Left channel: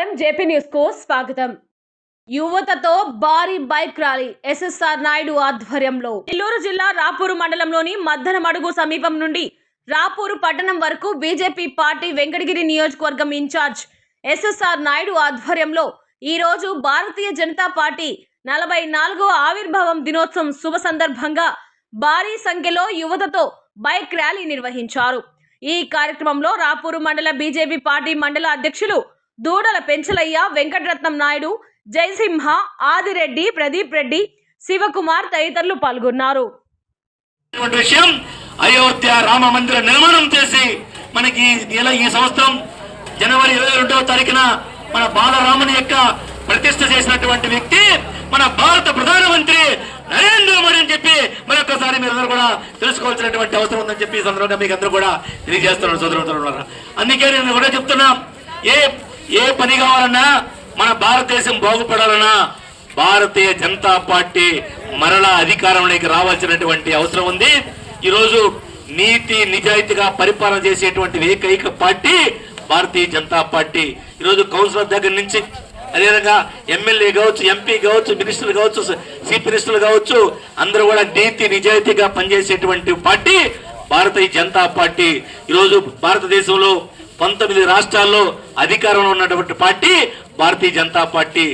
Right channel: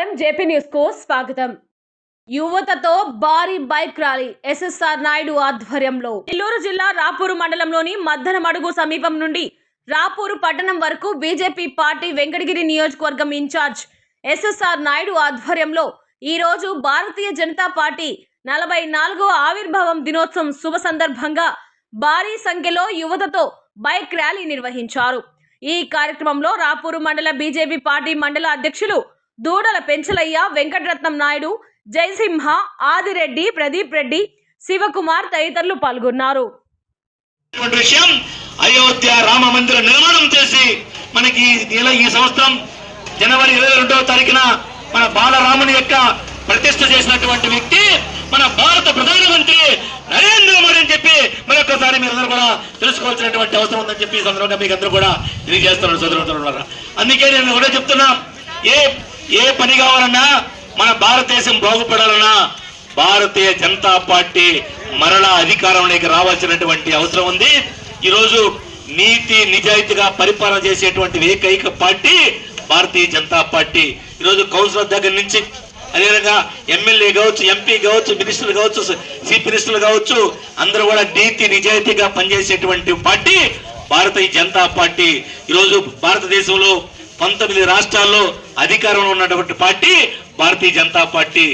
నమస్కారం. జేపీ న్యూస్కు స్వాగతం. యువతతో భారీ బైక్ ర్యాలీ ఎస్ఎస్ఆర్ నాయుడు ఆధ్వర్యంలో. నెల్లూరు జిల్లా రాపూరు మండలంలోని మద్దనమడుగు సమీపం నుండి రాపూరు పట్టణం వరకు బీజేపీ పార్టీ వెంకటగిరి నియోజకవర్గం ఇన్ఛార్జ్ ఎస్ఎస్ఆర్ నాయుడు ఆధ్వర్యంలో ఈ రోజు భారతీయ జనతా పార్టీ నలభై నాలుగో ఆవిర్భావం దినోత్సవం శుభ సందర్భంగా భారీ సంఖ్యలో యువతతో బైక్ ర్యాలీ నిర్వహించారు. ఈ కార్యక్రమంలో రాపూరు మండల బీజేపీ పార్టీ మండల అధ్యక్షులు దూడల పెంచలయ్య వెంకటరత్నం నాయుడు జయసింహ ఆదిరెడ్డి ప్రదీప్ రెడ్డి శివకుమార్ తదితరులు పాల్గొన్నారు. విషయం అయోధ్య రామ మందిర నిర్మాణం చేసి మనకి ఈ నెల ఈ సంవత్సరం జనవరి ఇరవై రెండవ తారీఖున మన బాలరాముని యొక్క ప్రతిష్ట చేసినటువంటి వ్యక్తి మన భారత ప్రధానమంత్రి నరేంద్ర మోడీ అని చెప్పి మరొకసారి మీరందరూ కూడా తెలుసుకోవాల్సినటువంటి అవసరం ఉందని చెప్పి ఈ సందర్భంగా మీకు అందరూ కూడా తెలియజేస్తున్నారు సోదరు అందుకే నేను కూడా చెప్తున్నా ఏ ఏ పని కావాలన్నా మన భారతదేశం బాగుపడాలన్నా భారతీయ జనతా పార్టీ మరలా అధికారంలోకి రావాల్సినటువంటి అవసరం ఉంది. ఈరోజు నీతి నిజాయితీగా పరిపాలన చేసేటువంటి ఏకైక పార్టీ భారతీయ జనతా పార్టీ. ఈరోజు కౌన్సిలర్ దగ్గర నుంచి అదేవిధంగా ఎమ్మెల్యే కావచ్చు ఎంపీ కావచ్చు మినిస్టర్ కావచ్చు చీఫ్ మినిస్టర్ కావచ్చు అందరూ కూడా నీతి నిజాయితీగా పనిచేసేటువంటి పార్టీ భారతీయ జనతా పార్టీ. ఈరోజు భారతదేశంలో పంతొమ్మిది రాష్ట్రాల్లో అధికారంలో ఉన్నటువంటి పార్టీ భారతీయ జనతా పార్టీ.